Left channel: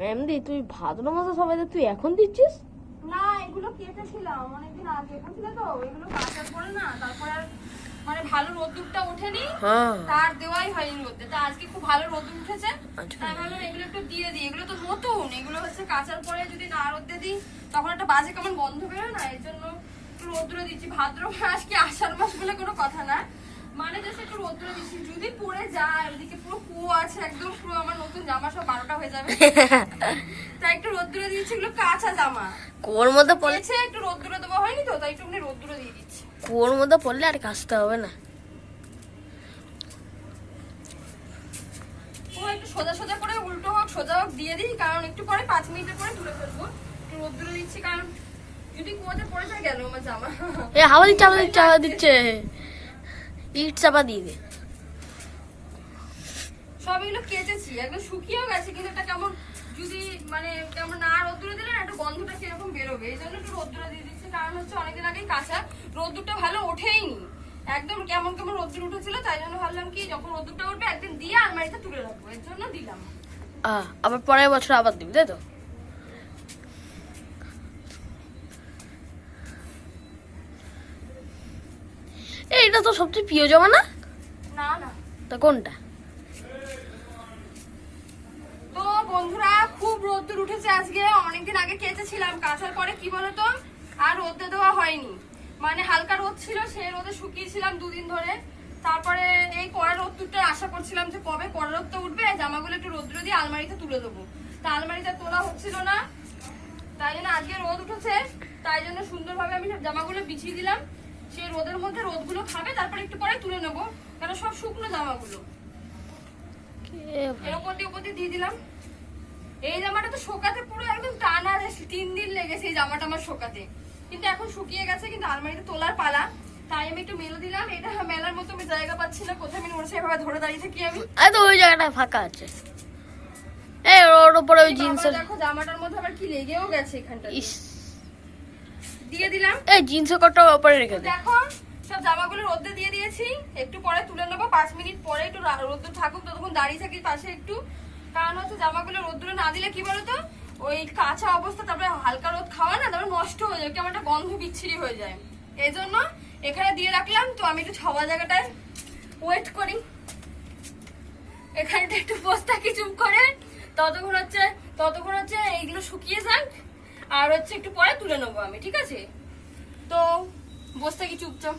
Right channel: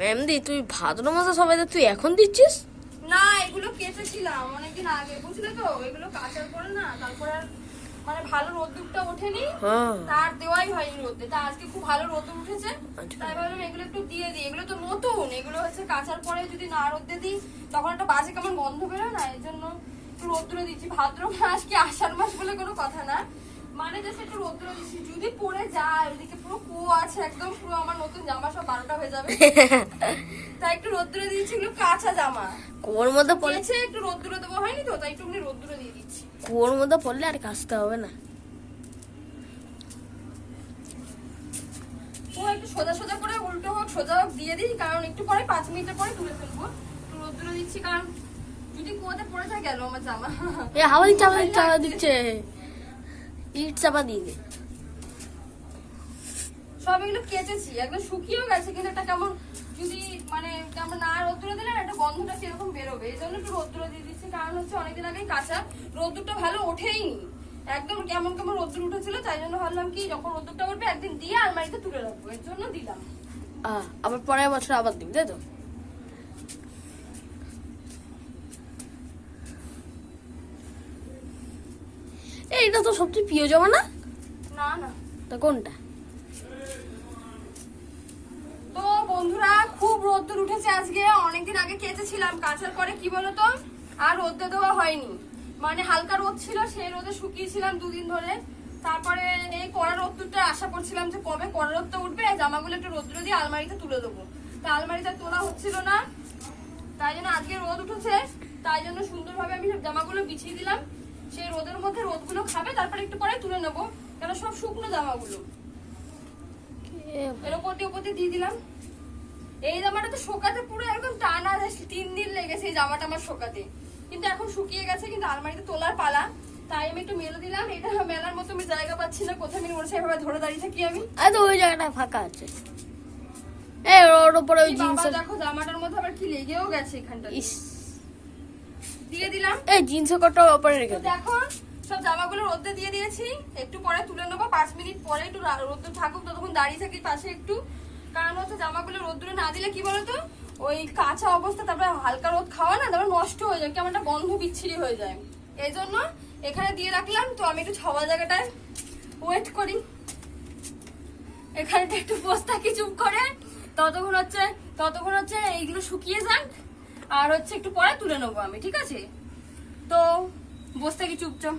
মেমদি তুই ভাদ্র মাসে সবাই তুই এখন দিচ্ছিস? না, এগুলো কেটেছিলাম অনেকদিন আগে, বুঝলে তো, এগুলো কাটার পরে না তারপর আর মানে ভালো রোদ্দুরটা ওঠেনি, তার দেওয়াই হয়নি রোদে। তা আজকে খুব ভালো রোদ্দুর উঠেছে, তাই ভাবলাম এগুলো একটু দিয়ে দিই। এগুলো তো নতুন, এগুলো হচ্ছে কাচার পরে যদি না রোদে দিই তখন একটা বাজে কেমন গন্ধ বেরোয় না, এই জন্য একটু রোদ্দুরে দিচ্ছি। ভাদ্র মাস কি আষাঢ় মাস বলে কোনো কথা না, মানে জাস্ট একটু রোদ্দুরে দিচ্ছি। যদি পড়ে যায়, ওদিকে পুরো কুয়ো আছে একদম, পুরো আমার নতুন জামা সব 12টা হয়ে যাবে, তাই একটু রোদ্দুরে দিচ্ছি। এগুলো কাঁচা জামা, কুয়োর মধ্যে পড়লে একটু রোদ্দুরে দেওয়া হয়নি তো, তাই একটু রোদ্দুরে দিয়ে দিচ্ছি। কুয়োর মধ্যে পড়লে আর কাচতে হবে না। ও একটু সোজা সোজা করে, উল্টো হোক সোজা হোক দিয়ে দিই, কারণ একটু পরে 5 মিনিটের পরে তুলে ফেলবো। একটু রোদ্দুরে দিচ্ছি, কারণ যদি কুয়োতে পড়ে যায় গেল আমার জামা। এ হাওয়া দিচ্ছে, হাওয়া দিচ্ছে, ইট চাপা দিয়ে দে। সব এগুলো কেটেছি, একদম শুকিয়েও গেছে, কিন্তু একটা কেমন যদি মানে কেমন না রোদ্দুরে দিলে একটা গন্ধটা সেরকম বেরোবে, এই জন্য একটু রোদ্দুরে দিয়ে দিচ্ছি। কারণ হচ্ছে অনেকদিন আগেই কাঁচা, রোদ্দুরটা ভালো ওঠেইনি, একদম কেমন কেমন রোদ্দুর উঠেছিল, তাই জন্য ভাবলাম কি যখন রোদ্দুরটা উঠবে একদিন দিয়ে আলমারিতে তুলে রাখবো, এর জন্য দিলাম। আবার পরের বছর আবার দিবি, তাই তো? এইটা তো সবচেয়ে প্রিয় জামা না? না না, তা কোনটা? তো বন্ধুরা খুব রোদ্দুর উঠেছে আজকে, অনেকদিন আগে কেচেছিলাম, কাচার পরে কি বলতো আর রোদে দেওয়া হয়নি, মানে হালকা রোদ ছিল, সেই রোদে শুকিয়েছিলাম 2 দিন ধরে। তারপরে এই কড়া রোদ্দুরটা আশা করছিলাম যে কবে কড়া রোদটা উঠবে, জামাগুলো একটু রোদ্দুরে দিয়ে আলমারিতে তুলে দেবো, তা আলমারিতে তোলা হচ্ছিল না, তাই জন্য আজকে রোদ উঠেছে, তাই জন্য সুন্দরভাবে আমি জামাগুলো বিছিয়ে দিলাম। সেই রোদের মধ্যে রোদগুলো খাবে, তারপরে একটু পরে তুলে নেবো, কারণ সব শুকনো জামাগুলো এর উপর দিয়ে দিয়ে দিলাম। এই জামাটা তো শোকাতে পুরো একদম টানা 3 দিন লেগেছে এই জামাটা আমার শোকাতে, কিন্তু এখন শুকিয়ে গেছে, কিন্তু আলমারিতে তোলার পালা, তাই আমি একটু মেলে দিলাম। এটা মেলার মতো আমি জায়গা পাচ্ছি না, কোথায় আমি ওর সেভাবে ধরে দাঁড়িয়ে থাকি আমি। তো ওই জায়গাটা ফাঁকা আছে, এই ওর উপরে ওই জিন্সের, দেখো জামাটার মধ্যে আবার কি লেগেও গেছে এখানটা, দিয়ে দিলাম। এই জিন্সের কটটা উপরে রেখে দে। দেখো সব জামাগুলো রোদে দিয়ে দিয়েছি, একটু পরে তুলে নেবো, 5 মিনিট পরে একটু রোদ্দুর থাকুক, ততক্ষণ দাঁড়িয়ে থাকি পাশে একটু, কারণ হচ্ছে জামাগুলো রোদ্দুরে না দিলে কি বলতো ওই কাঁচা অবস্থা, তারপরে হালকা রোদ খাওয়া না, তারপরে নষ্ট হয়ে যায়, কেমন একটা গন্ধ বিচ্ছিরি হয়ে যায়, এই জন্য এখানে দিয়ে রাখলাম। তো আমি একটু ছাওয়া জায়গাটায় ওয়েট করি, এখানেটা একটু বসে থাকি চুপ করে, ততক্ষণ হচ্ছে এইগুলো শুকিয়ে যাক, আর হচ্ছে একটু পরে তুলে নেবো আমি, ঠিক আছে? তো বসে থাকি চুপচাপ।